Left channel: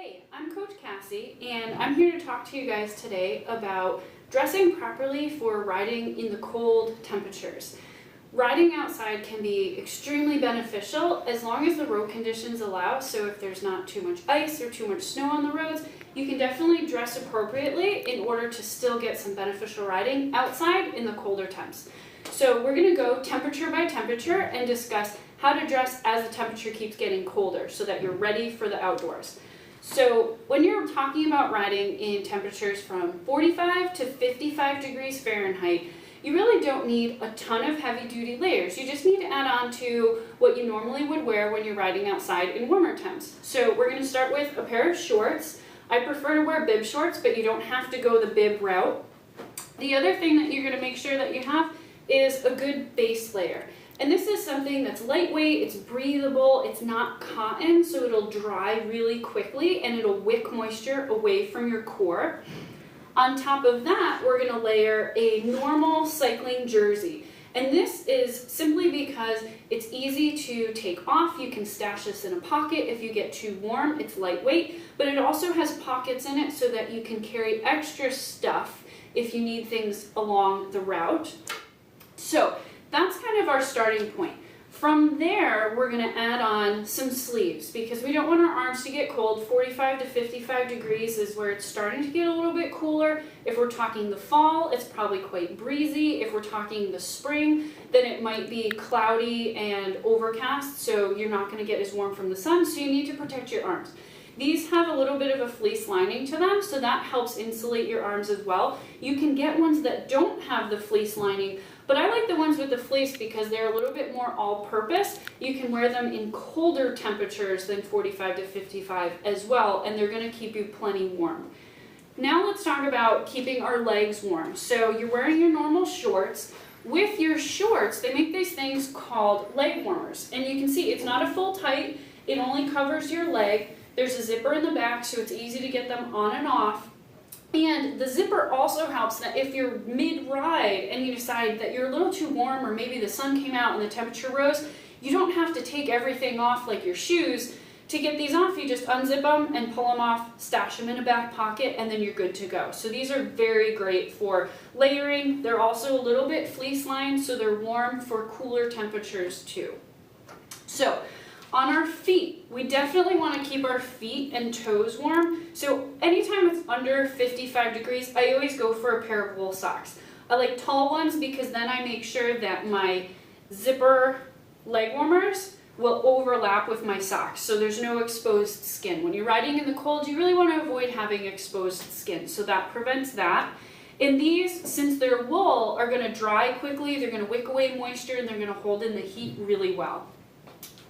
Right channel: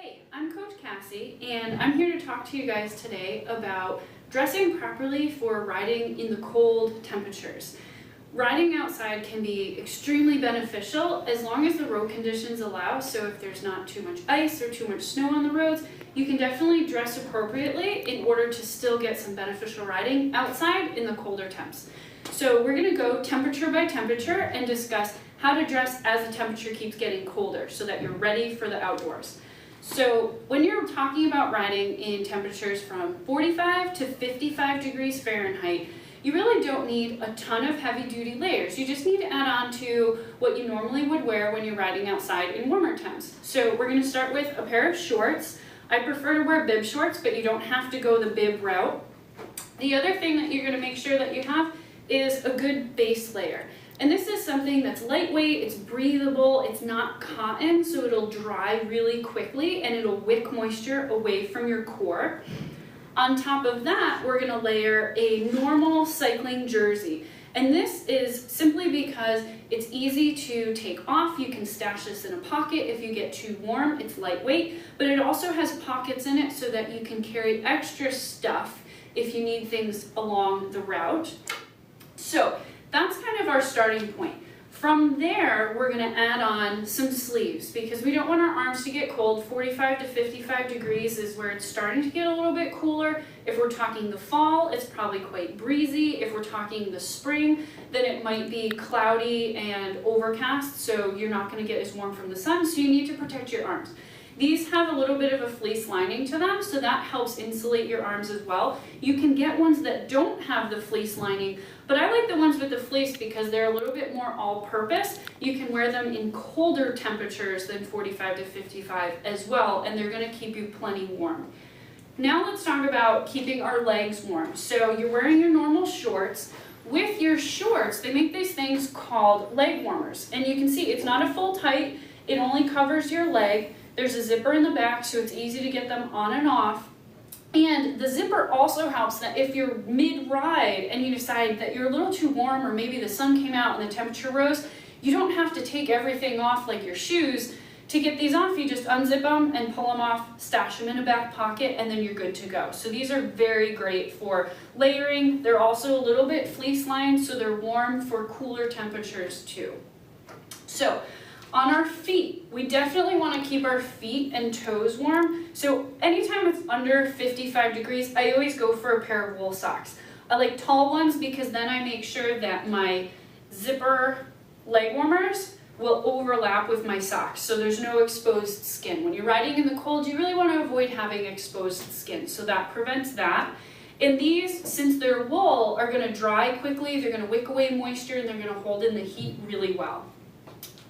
Hey, I'm Coach Cassie, and I'm here to talk to you guys today about dressing properly for riding in the cold temperatures. Riding outside can be extremely beneficial as long as the road conditions allow, so if there's not too much ice or too much snow on the roads, you can definitely dress appropriately in order to still get some beneficial riding outside in the colder temps. So we're going to go temperature by temperature and discuss how to dress as the temperature keeps getting colder so that you're ready for the outdoors. So when you're talking about riding in temperatures from 45 to 55 degrees Fahrenheit, you really don't need a ton of heavy-duty layers. You just need to add on to what you normally would wear when you're riding outside in warmer temps. So we're going to start with a pair of shorts. I prefer to wear bib shorts, but you don't have to go the bib route. The other thing that you're going to make sure that you have is a good base layer. And this is something that's lightweight, it's breathable, it's not cotton, so it'll dry really quickly and it'll wick moisture away from your core. On top of that, we're going to layer a normal cycling jersey. And this is simply because it's easy to take off. You can stash this in a pocket if you get too warm. It's lightweight, but it also has pockets in it so that you can carry extra stuff if you need things along the route. So that's kind of our starting point. From there, we're going to add on some sleeves because we don't want our arms to get cold. 45 to 55 degrees is where it's starting to get a little bit cooler. If we're talking the fall, it's probably quite breezy. If we're talking the spring, then it might be cloudy and overcast, so you're not going to get as warm from the sun, so you need to protect your arms. These have a little bit of a fleece lining to them, so that helps insulate your arms as well. You can get ones that don't have the fleece lining, but I like the ones with the fleece because they're a little bit more all-purpose. You can wear them in colder temperatures than 45 to 55 as well, and they're going to keep you plenty warm. Now let's talk about keeping our legs warm. So you're wearing your normal shorts. With your shorts, they make these things called leg warmers, and you can see it's not a full tight, it only covers your leg. There's a zipper in the back, so it's easy to get them on and off. And the zipper also helps that if you're mid-ride and you decide that you're a little too warm or maybe the sun came out and the temperature rose, you don't have to take everything off like your shoes. To get these off, you just unzip them and pull them off, stash them in a back pocket, and then you're good to go. So these are very great for layering. They're also a little bit fleece-lined, so they're warm for cooler temperatures too. So on our feet, we definitely want to keep our feet and toes warm. So anytime it's under 55 degrees, I always go for a pair of wool socks. I like tall ones because then I make sure that my zipper leg warmers will overlap with my socks, so there's no exposed skin. When you're riding in the cold, you really want to avoid having exposed skin, so that prevents that. And these, since they're wool, are going to dry quickly, they're going to wick away moisture, and they're going to hold in the heat really well.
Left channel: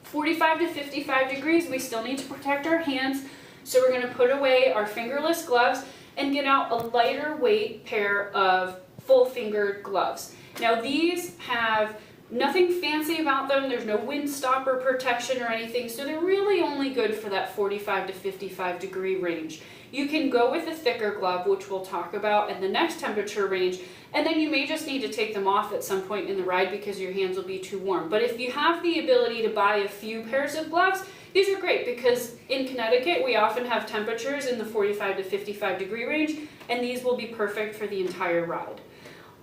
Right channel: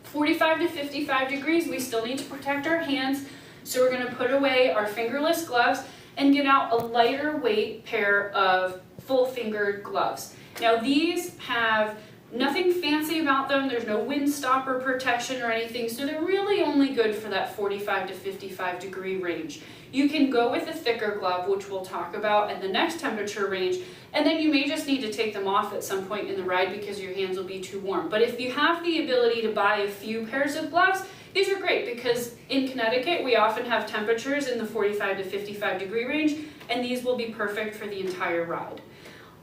45 to 55 degrees, we still need to protect our hands, so we're going to put away our fingerless gloves and get out a lighter weight pair of full-fingered gloves. Now these have nothing fancy about them, there's no windstopper protection or anything, so they're really only good for that 45 to 55 degree range. You can go with a thicker glove, which we'll talk about in the next temperature range, and then you may just need to take them off at some point in the ride because your hands will be too warm. But if you have the ability to buy a few pairs of gloves, these are great because in Connecticut we often have temperatures in the 45 to 55 degree range, and these will be perfect for the entire ride.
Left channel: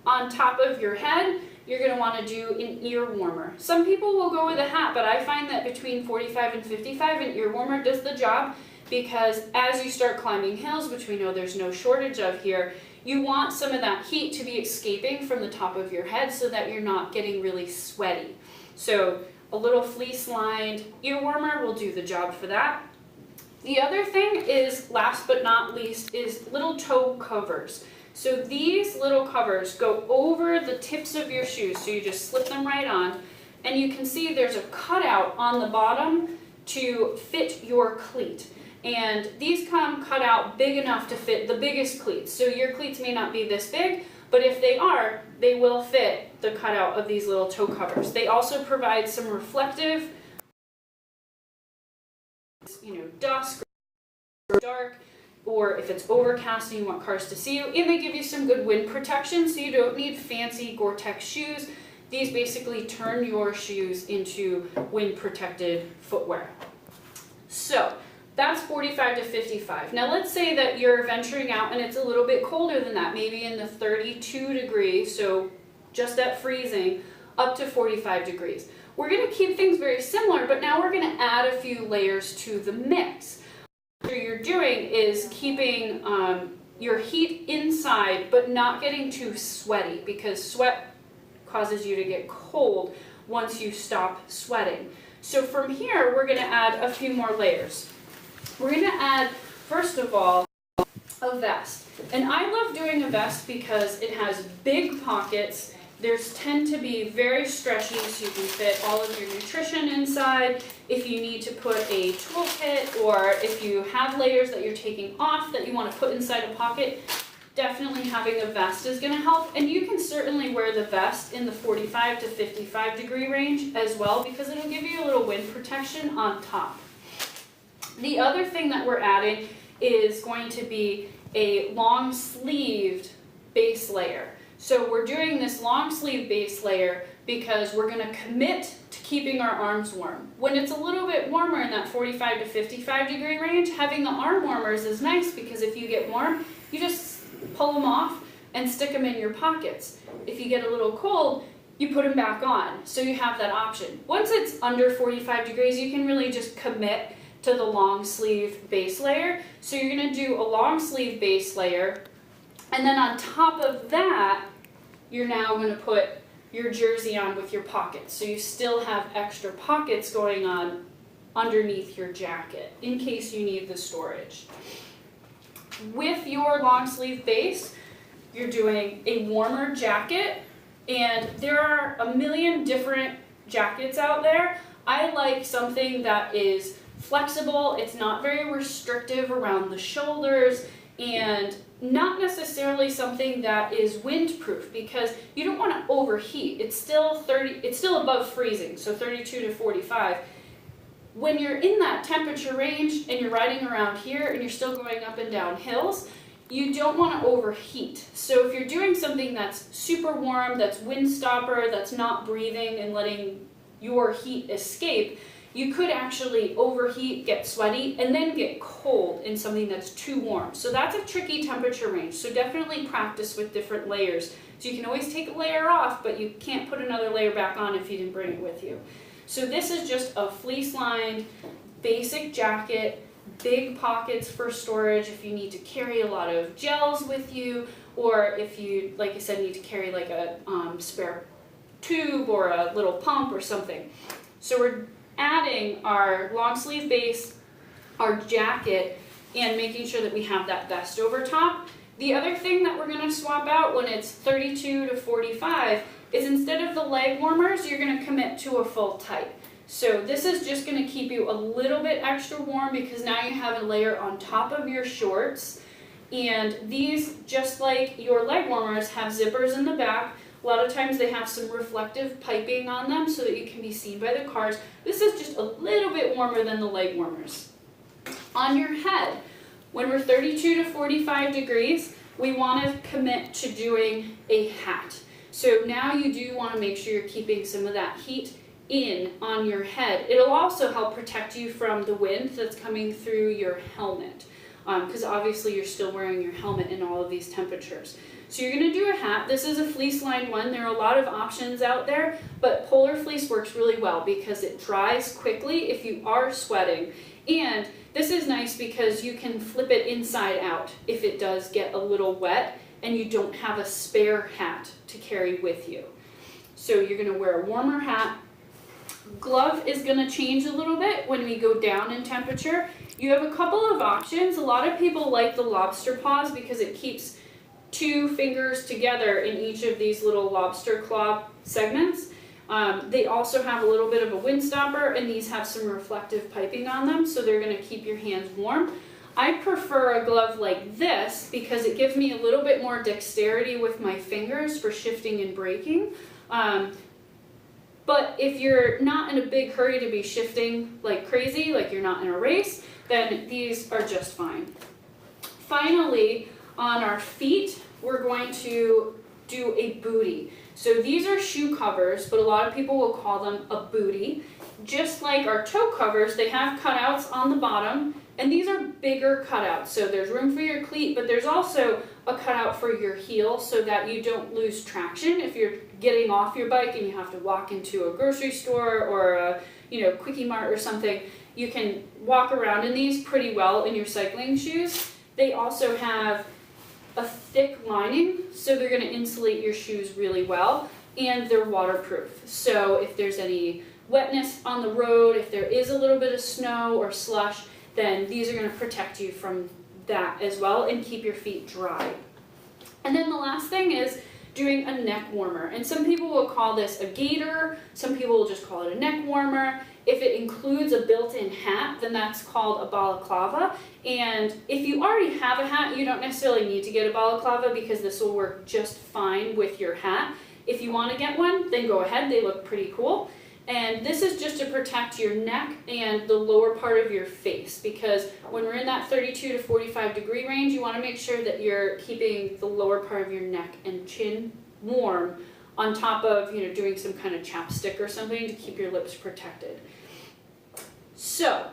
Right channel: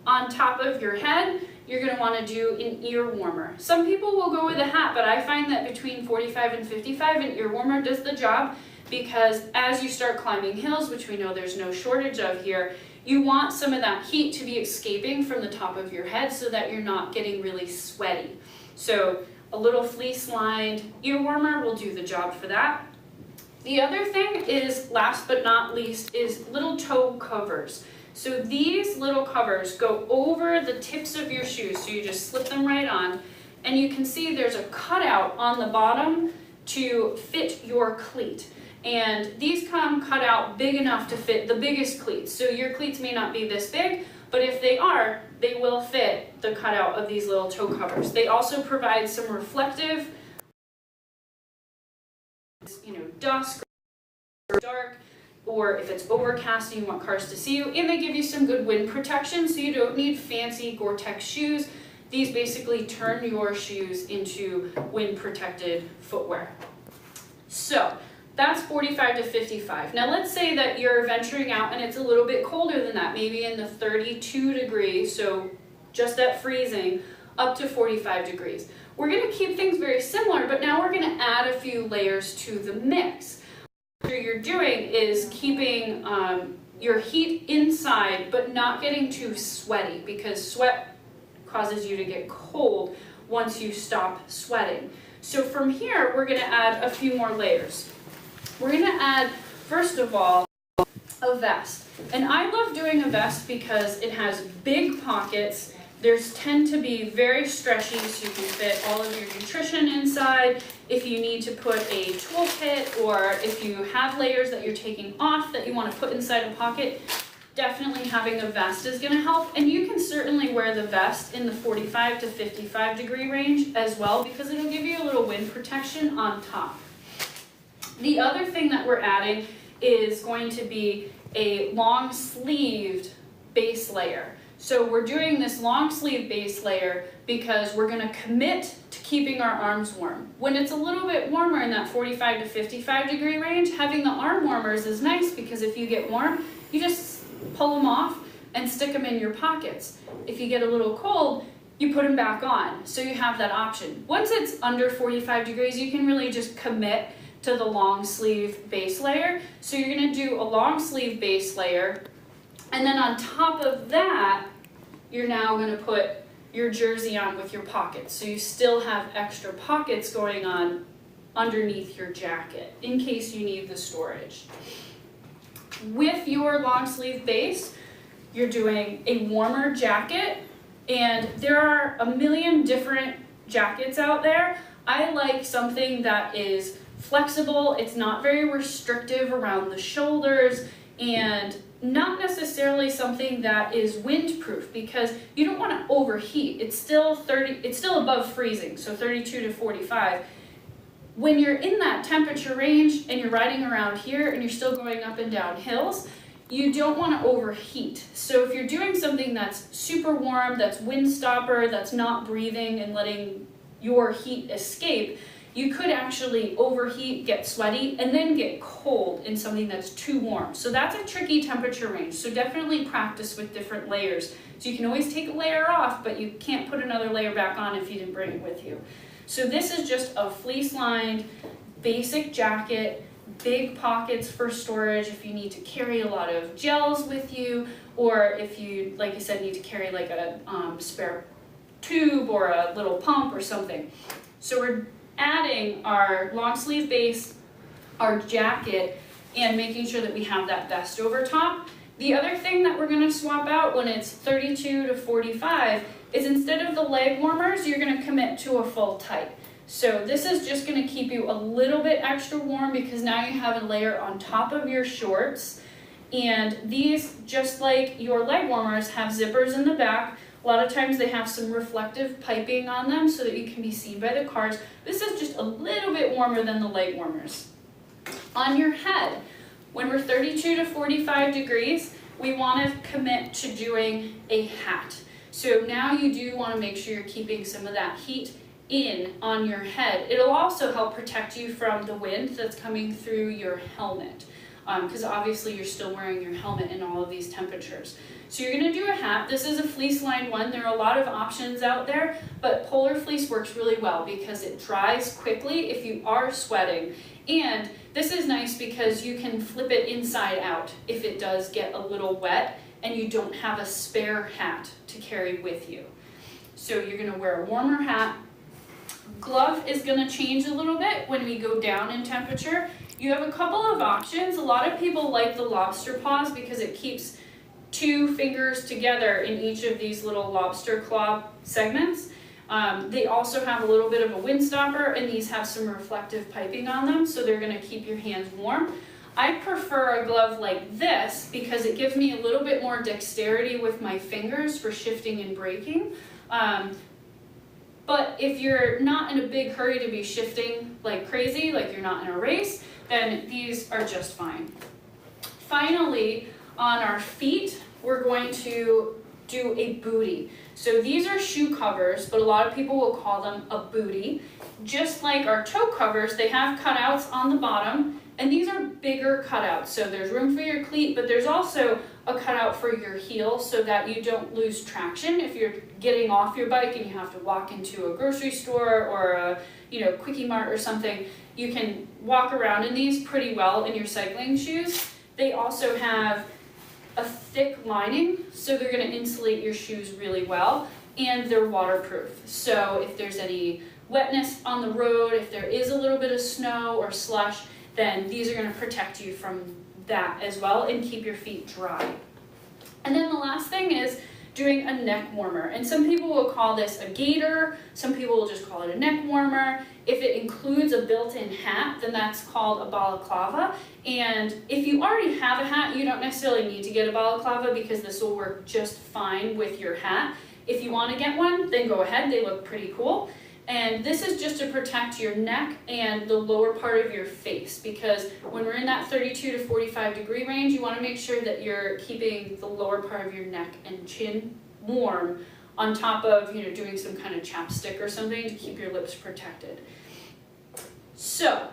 On top of your head, you're going to want to do an ear warmer. Some people will go with a hat, but I find that between 45 and 55, an ear warmer does the job because as you start climbing hills, which we know there's no shortage of here, you want some of that heat to be escaping from the top of your head so that you're not getting really sweaty. So a little fleece-lined ear warmer will do the job for that. The other thing is, last but not least, is little toe covers. So these little covers go over the tips of your shoes, so you just slip them right on, and you can see there's a cutout on the bottom to fit your cleat. And these come cut out big enough to fit the biggest cleats. So your cleats may not be this big, but if they are, they will fit the cutout of these little toe covers. They also provide some reflective, dusk or dark, or if it's overcast and you want cars to see you, and they give you some good wind protection, so you don't need fancy Gore-Tex shoes. These basically turn your shoes into wind-protected footwear. So That's 45 to 55. Now let's say that you're venturing out and it's a little bit colder than that, maybe in the 32 degrees, so just at freezing, up to 45 degrees. We're going to keep things very similar, but now we're going to add a few layers to the mix. What you're doing is keeping your heat inside, but not getting too sweaty, because sweat causes you to get cold once you stop sweating. So from here, we're going to add a few more layers. We're going to add, first of all, a vest. And I love doing a vest because it has big pockets. There's tend to be very stretchy, so you can fit all of your nutrition inside. If you need to put a toolkit, or if you have layers that you're taking off that you want to put inside a pocket, definitely having a vest is going to help. And you can certainly wear the vest in the 45 to 55 degree range as well, because it'll give you a little wind protection on top. The other thing that we're adding is going to be a long sleeved base layer. So we're doing this long sleeve base layer because we're going to commit to keeping our arms warm. When it's a little bit warmer in that 45 to 55 degree range, having the arm warmers is nice, because if you get warm, you just pull them off and stick them in your pockets. If you get a little cold, you put them back on. So you have that option. Once it's under 45 degrees, you can really just commit to the long sleeve base layer. So you're going to do a long sleeve base layer, and then on top of that, you're now going to put your jersey on with your pockets. So you still have extra pockets going on underneath your jacket in case you need the storage. With your long sleeve base, you're doing a warmer jacket, and there are a million different jackets out there. I like something that is flexible, it's not very restrictive around the shoulders, and not necessarily something that is windproof, because you don't want to overheat. It's still above freezing, so 32 to 45. When you're in that temperature range and you're riding around here and you're still going up and down hills, you don't want to overheat. So if you're doing something that's super warm, that's wind stopper, that's not breathing and letting your heat escape, you could actually overheat, get sweaty, and then get cold in something that's too warm. So that's a tricky temperature range. So definitely practice with different layers. So you can always take a layer off, but you can't put another layer back on if you didn't bring it with you. So this is just a fleece-lined basic jacket, big pockets for storage if you need to carry a lot of gels with you, or if you, like I said, need to carry like a spare tube or a little pump or something. So we're adding our long sleeve base, our jacket, and making sure that we have that vest over top. The other thing that we're going to swap out when it's 32 to 45 is, instead of the leg warmers, you're going to commit to a full tight. So this is just going to keep you a little bit extra warm, because now you have a layer on top of your shorts. And these, just like your leg warmers, have zippers in the back. A lot of times they have some reflective piping on them so that you can be seen by the cars. This is just a little bit warmer than the leg warmers. On your head, when we're 32 to 45 degrees, we want to commit to doing a hat. So now you do want to make sure you're keeping some of that heat in on your head. It'll also help protect you from the wind that's coming through your helmet, because obviously you're still wearing your helmet in all of these temperatures. So you're going to do a hat. This is a fleece-lined one. There are a lot of options out there, but polar fleece works really well because it dries quickly if you are sweating. And this is nice because you can flip it inside out if it does get a little wet and you don't have a spare hat to carry with you. So you're going to wear a warmer hat. Glove is going to change a little bit when we go down in temperature. You have a couple of options. A lot of people like the lobster paws because it keeps two fingers together in each of these little lobster claw segments. They also have a little bit of a wind stopper, and these have some reflective piping on them, so they're going to keep your hands warm. I prefer a glove like this because it gives me a little bit more dexterity with my fingers for shifting and braking. But if you're not in a big hurry to be shifting like crazy, like you're not in a race, then these are just fine. Finally, on our feet, we're going to do a booty. So these are shoe covers, but a lot of people will call them a booty. Just like our toe covers, they have cutouts on the bottom. And these are bigger cutouts, so there's room for your cleat, but there's also a cutout for your heel so that you don't lose traction. If you're getting off your bike and you have to walk into a grocery store or a Quickie Mart or something, you can walk around in these pretty well in your cycling shoes. They also have a thick lining, so they're going to insulate your shoes really well, and they're waterproof. So if there's any wetness on the road, if there is a little bit of snow or slush, then these are going to protect you from that as well and keep your feet dry. And then the last thing is doing a neck warmer. And some people will call this a gaiter, some people will just call it a neck warmer. If it includes a built-in hat, then that's called a balaclava. And if you already have a hat, you don't necessarily need to get a balaclava because this will work just fine with your hat. If you want to get one, then go ahead, they look pretty cool. And this is just to protect your neck and the lower part of your face, because when we're in that 32 to 45 degree range, you want to make sure that you're keeping the lower part of your neck and chin warm on top of doing some kind of chapstick or something to keep your lips protected. So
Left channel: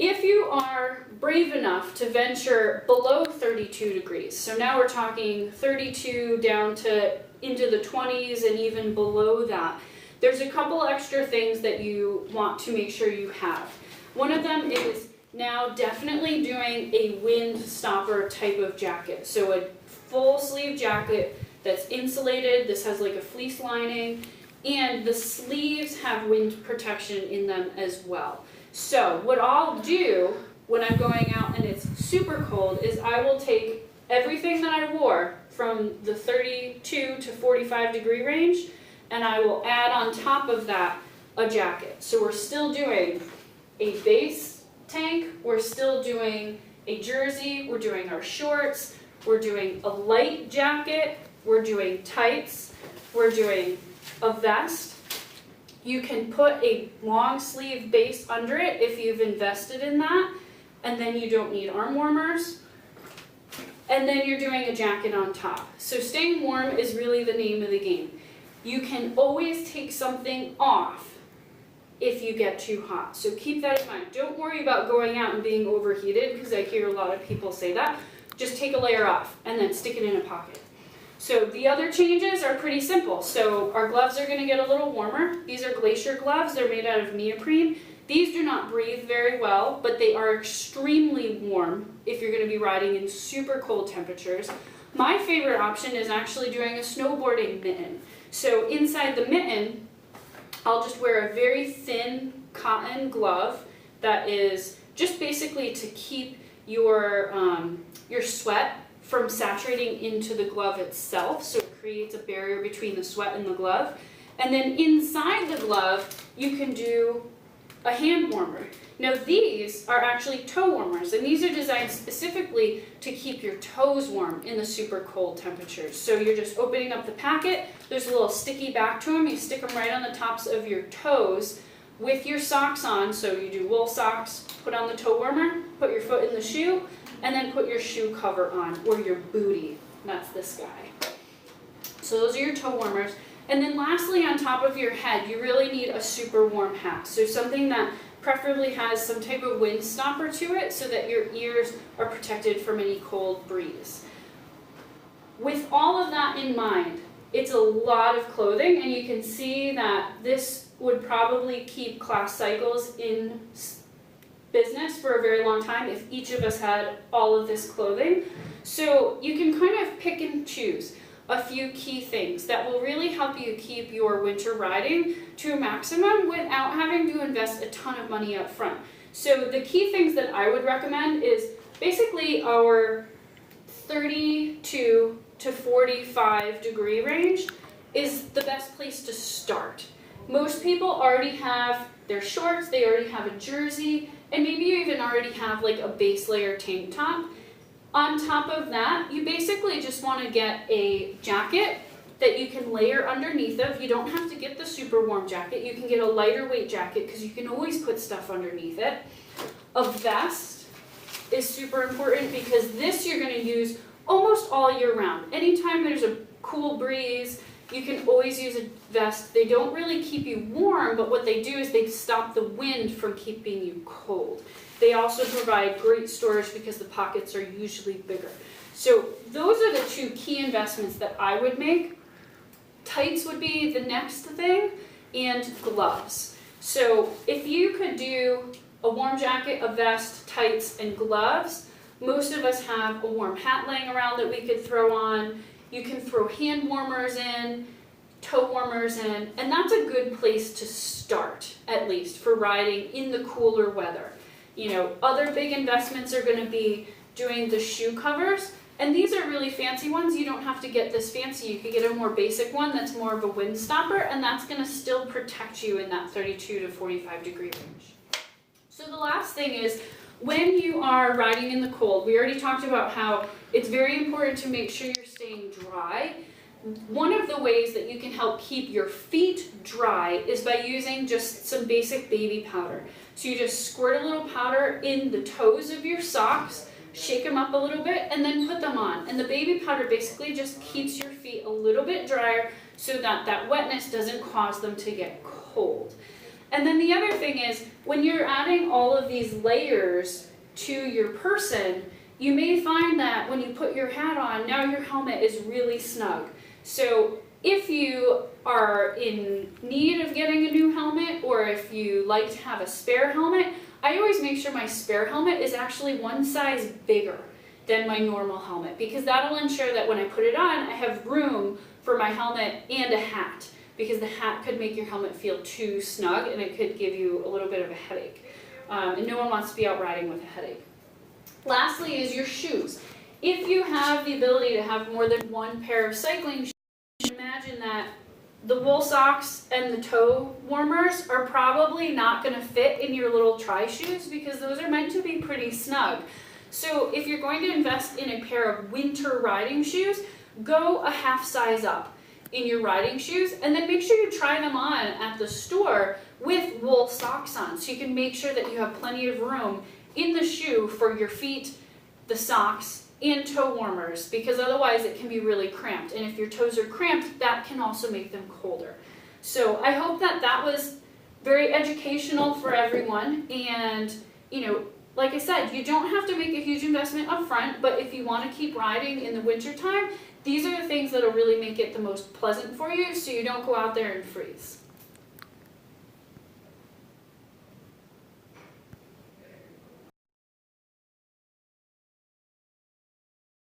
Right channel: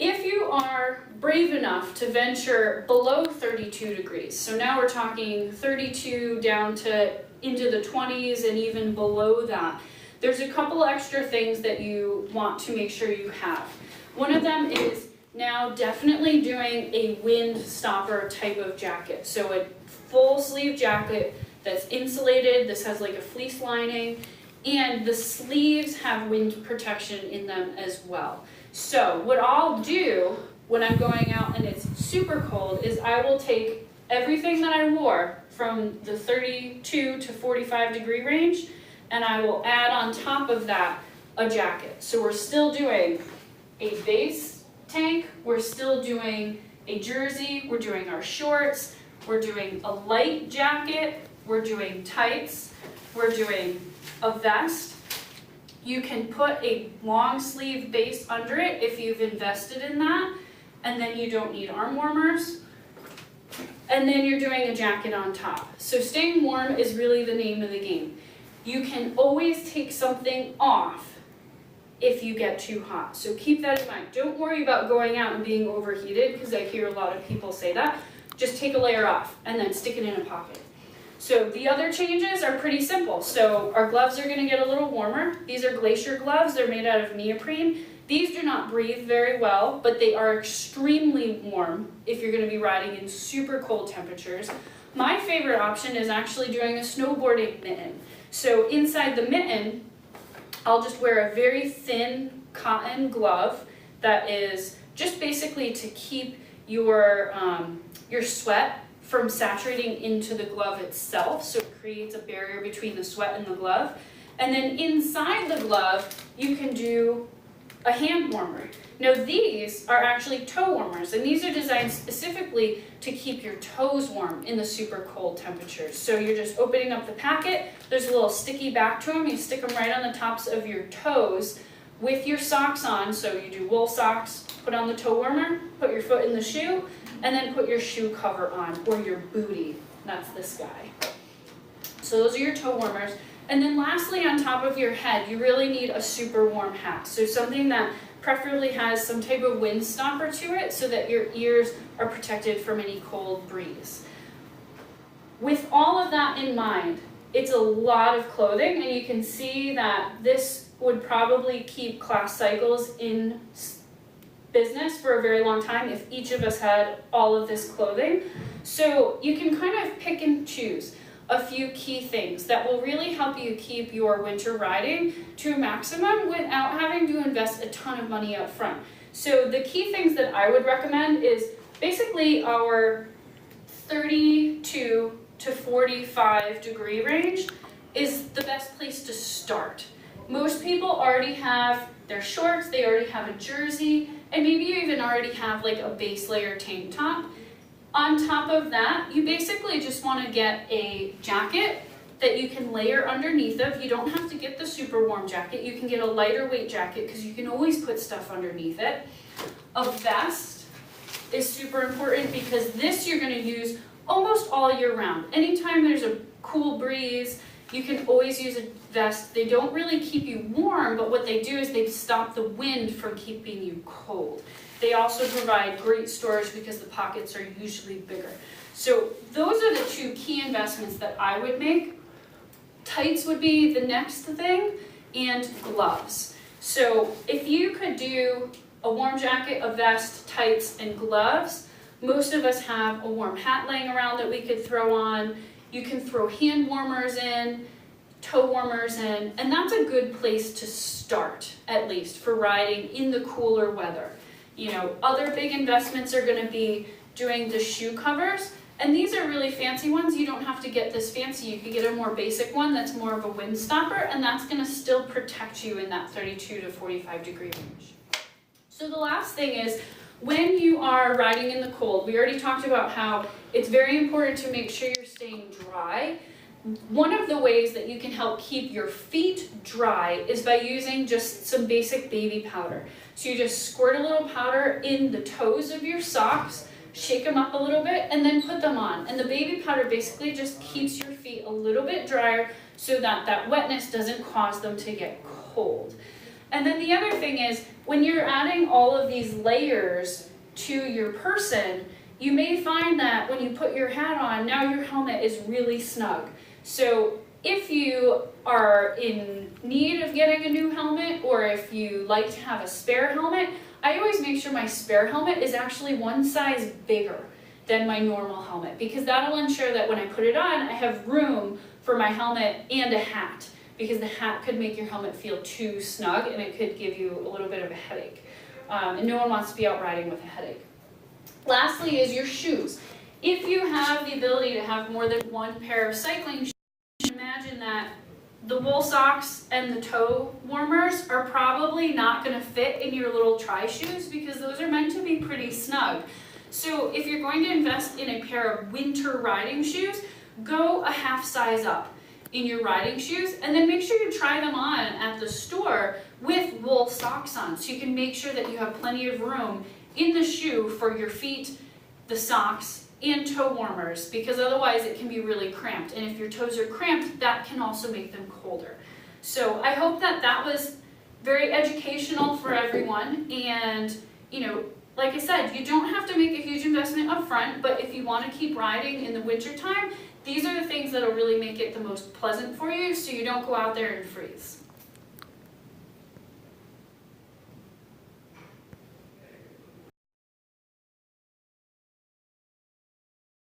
if you are brave enough to venture below 32 degrees, so now we're talking 32 down to into the 20s and even below that, there's a couple extra things that you want to make sure you have. One of them is now definitely doing a wind stopper type of jacket. So a full sleeve jacket that's insulated. This has like a fleece lining, and the sleeves have wind protection in them as well. So what I'll do when I'm going out and it's super cold is I will take everything that I wore from the 32 to 45 degree range, and I will add on top of that a jacket. So we're still doing a base tank, we're still doing a jersey, we're doing our shorts, we're doing a light jacket, we're doing tights, we're doing a vest. You can put a long sleeve base under it if you've invested in that, and then you don't need arm warmers. And then you're doing a jacket on top. So staying warm is really the name of the game. You can always take something off if you get too hot. So keep that in mind. Don't worry about going out and being overheated, because I hear a lot of people say that. Just take a layer off and then stick it in a pocket. So the other changes are pretty simple. So our gloves are going to get a little warmer. These are Glacier gloves. They're made out of neoprene. These do not breathe very well, but they are extremely warm if you're going to be riding in super cold temperatures. My favorite option is actually doing a snowboarding mitten. So inside the mitten, I'll just wear a very thin cotton glove that is just basically to keep your sweat from saturating into the glove itself, so it creates a barrier between the sweat and the glove. And then inside the glove, you can do a hand warmer. Now these are actually toe warmers, and these are designed specifically to keep your toes warm in the super cold temperatures. So you're just opening up the packet, there's a little sticky back to them, you stick them right on the tops of your toes with your socks on. So you do wool socks, put on the toe warmer, put your foot in the shoe, and then put your shoe cover on, or your bootie. That's this guy. So those are your toe warmers. And then lastly, on top of your head, you really need a super warm hat. So something that preferably has some type of wind stopper to it so that your ears are protected from any cold breeze. With all of that in mind, it's a lot of clothing, and you can see that this would probably keep Class Cycles in business for a very long time if each of us had all of this clothing. So you can kind of pick and choose a few key things that will really help you keep your winter riding to a maximum without having to invest a ton of money up front. So the key things that I would recommend is basically our 32 to 45 degree range is the best place to start. Most people already have their shorts, they already have a jersey, and maybe you even already have like a base layer tank top. On top of that, you basically just want to get a jacket that you can layer underneath of. You don't have to get the super warm jacket. You can get a lighter weight jacket because you can always put stuff underneath it. A vest is super important because this you're going to use almost all year round. Anytime there's a cool breeze, you can always use a vest. They don't really keep you warm, but what they do is they stop the wind from keeping you cold. They also provide great storage because the pockets are usually bigger. So those are the two key investments that I would make. Tights would be the next thing, and gloves. So if you could do a warm jacket, a vest, tights, and gloves, most of us have a warm hat laying around that we could throw on. You can throw hand warmers in, toe warmers in, and that's a good place to start, at least, for riding in the cooler weather. You know, other big investments are going to be doing the shoe covers, and these are really fancy ones. You don't have to get this fancy. You could get a more basic one that's more of a wind stopper, and that's going to still protect you in that 32 to 45 degree range. So the last thing is, when you are riding in the cold, we already talked about how it's very important to make sure you're staying dry. One of the ways that you can help keep your feet dry is by using just some basic baby powder. So you just squirt a little powder in the toes of your socks, shake them up a little bit, and then put them on. And the baby powder basically just keeps your feet a little bit drier so that that wetness doesn't cause them to get cold. And then the other thing is, when you're adding all of these layers to your person, you may find that when you put your hat on, now your helmet is really snug. So if you are in need of getting a new helmet, or if you like to have a spare helmet, I always make sure my spare helmet is actually one size bigger than my normal helmet, because that'll ensure that when I put it on, I have room for my helmet and a hat, because the hat could make your helmet feel too snug and it could give you a little bit of a headache. And no one wants to be out riding with a headache. Lastly is your shoes. If you have the ability to have more than one pair of cycling shoes, imagine that the wool socks and the toe warmers are probably not going to fit in your little tri-shoes, because those are meant to be pretty snug. So if you're going to invest in a pair of winter riding shoes, go a half size up in your riding shoes, and then make sure you try them on at the store with wool socks on, so you can make sure that you have plenty of room in the shoe for your feet, the socks, and toe warmers, because otherwise it can be really cramped, and if your toes are cramped, that can also make them colder. So I hope that that was very educational for everyone, and you know, like I said, you don't have to make a huge investment up front, but if you want to keep riding in the winter time, these are the things that will really make it the most pleasant for you, so you don't go out there and freeze.